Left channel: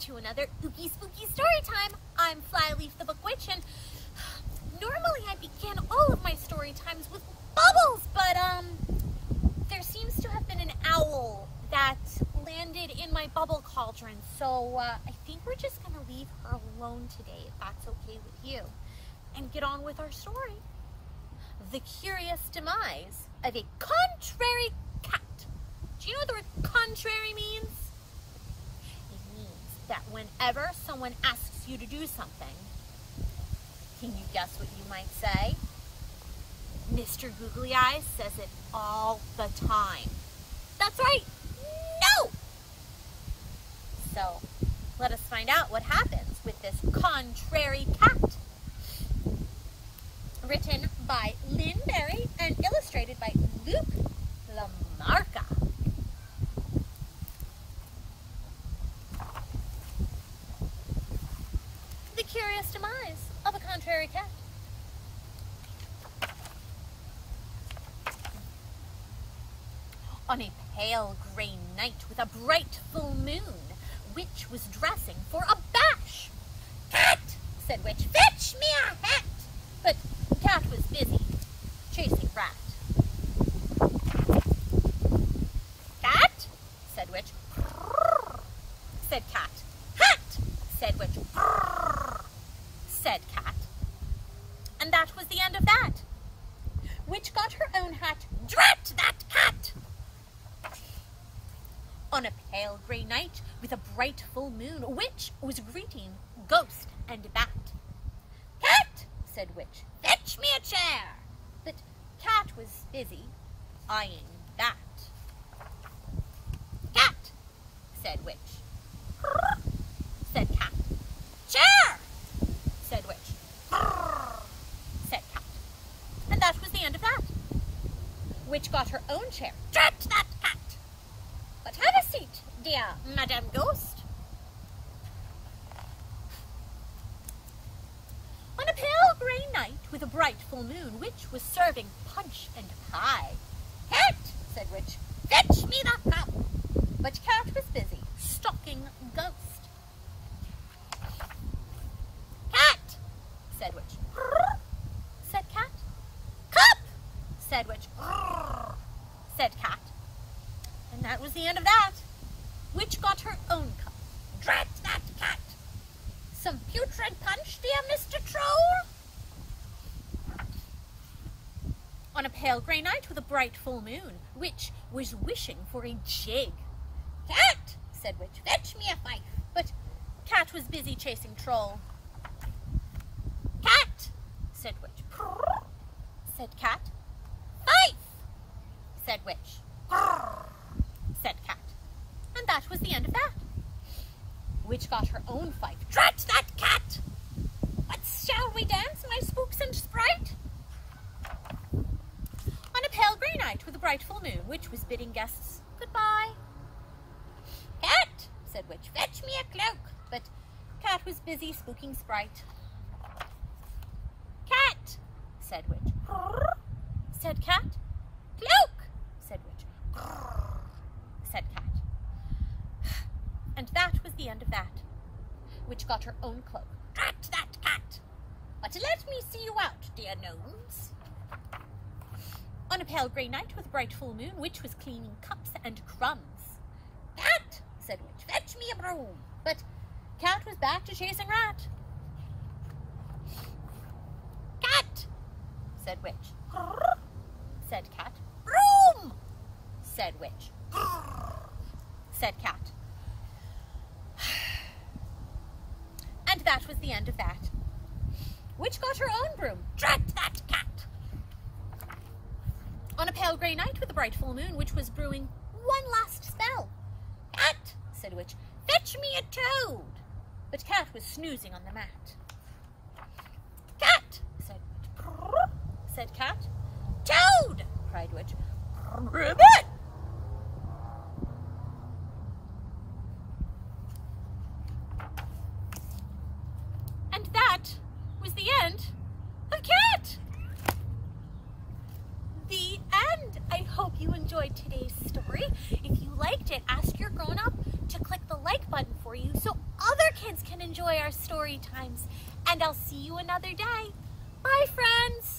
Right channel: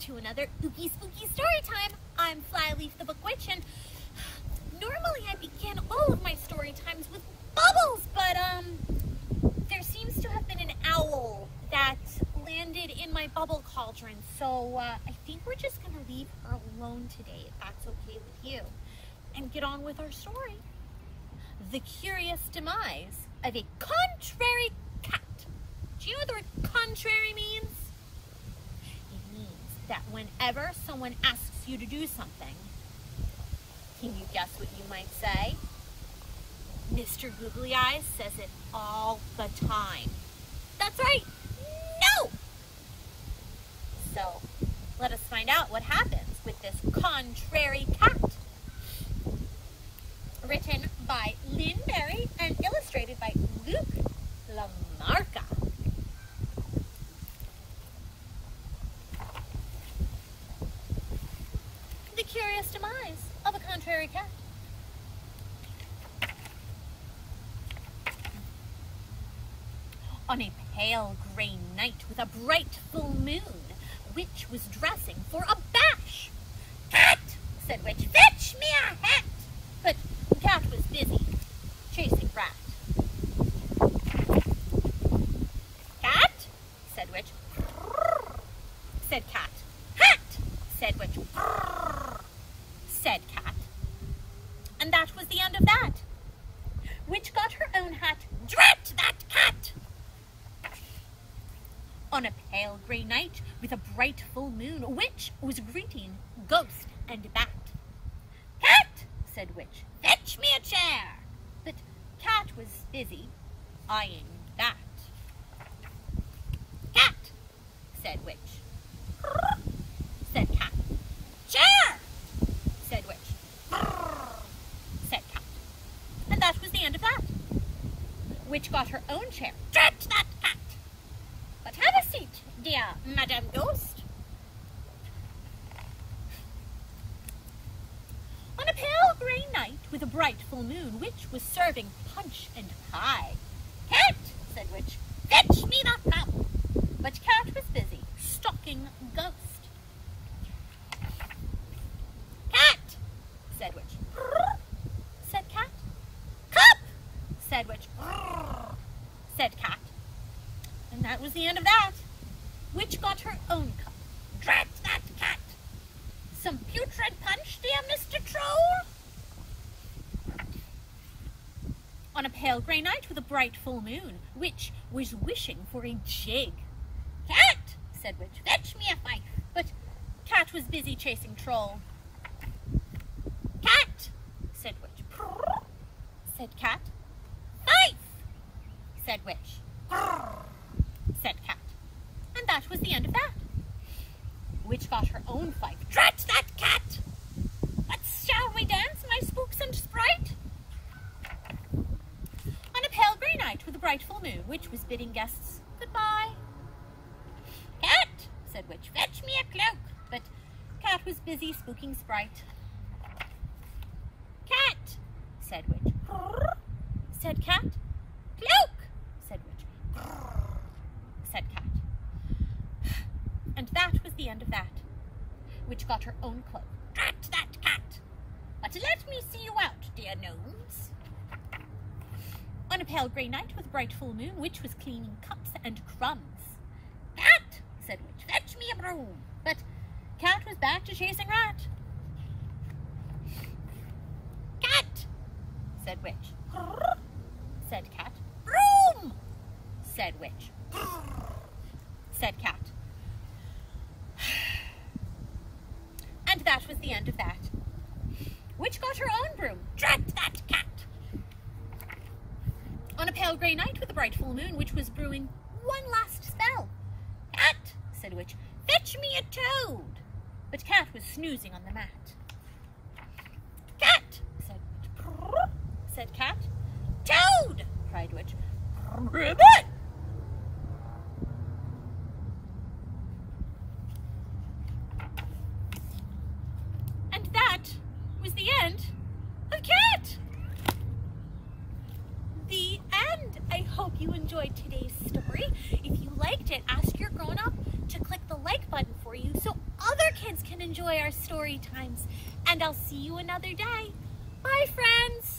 to another ooky spooky story time. I'm Flyleaf the Book Witch, and normally I begin all of my story times with bubbles, but there seems to have been an owl that landed in my bubble cauldron, so I think we're just gonna leave her alone today, if that's okay with you, and get on with our story. The Curious Demise of a Contrary Cat. Do you know what the word contrary means? It means that whenever someone asks you to do something, can you guess what you might say? Mr. Googly Eyes says it all the time. That's right, no! So, let us find out what happens with this contrary cat. Written by Lynne Berry and illustrated by Luke Lamarca. The Curious Demise of a Contrary Cat. On a pale grey night with a bright full moon, Witch was dressing for a bash. "Cat," said Witch, "fetch me a hat." But Cat was busy chasing Rat. "Cat," said Witch. "Brrr," said Cat. "Hat," said Witch. "Brrr," said Cat. And that was the end of that. Witch got her own hat. Drat that hat! On a pale grey night with a bright full moon, Witch was greeting Ghost and Bat. "Cat," said Witch, "fetch me a chair." But Cat was busy eyeing Bat. "Cat," said Witch. "Brrr," said Cat. "Chair," said Witch. "Brrr," said Cat. And that was the end of that. Witch got her own chair. Drat that cat! "But have a seat, dear Madame Ghost." On a pale grey night with a bright full moon, Witch was serving punch and pie. "Cat," said Witch, "fetch me that cup." But Cat was busy stalking Ghost. "Cat," said Witch. "Brrr," said Cat. "Cup," said Witch. "Brrr," said Cat. And that was the end of that. Witch got her own cup. Drat that cat! "Some putrid punch, dear Mr. Troll?" On a pale grey night with a bright full moon, Witch was wishing for a jig. "Cat," said Witch, "fetch me a fife." But Cat was busy chasing Troll. "Cat," said Witch. "Prrr," said Cat. "Fife," said Witch. "Prrr," said Cat. And that was the end of that. Witch got her own fife. Drat that cat! "But shall we dance, my spooks and sprite?" On a pale grey night with a bright full moon, Witch was bidding guests goodbye. "Cat," said Witch, "fetch me a cloak." But Cat was busy spooking Sprite. "Cat," said Witch. "Brrr," said Cat. "Cloak," said Witch. "Brrr," said Cat. And that was the end of that. Witch got her own cloak. Drat that cat! "But let me see you out, dear gnomes." On a pale grey night with a bright full moon, Witch was cleaning cups and crumbs. "Cat," said Witch, "fetch me a broom." But Cat was back to chasing Rat. "Cat," said Witch. "Brrr," said Cat. "Broom," said Witch. "Brrr," said Cat. And that was the end of that. Witch got her own broom. Drat that cat! On a pale grey night with a bright full moon, Witch was brewing one last spell. "Cat," said Witch, "fetch me a toad." But Cat was snoozing on the mat. "Cat," said Witch. "Prrr," said Cat. "Toad!" cried Witch. "Ribbit!" And that was the end of Cat. The end. I hope you enjoyed today's story. If you liked it, ask your grown-up to click the like button for you so other enjoy our story times. And I'll see you another day. Bye, friends.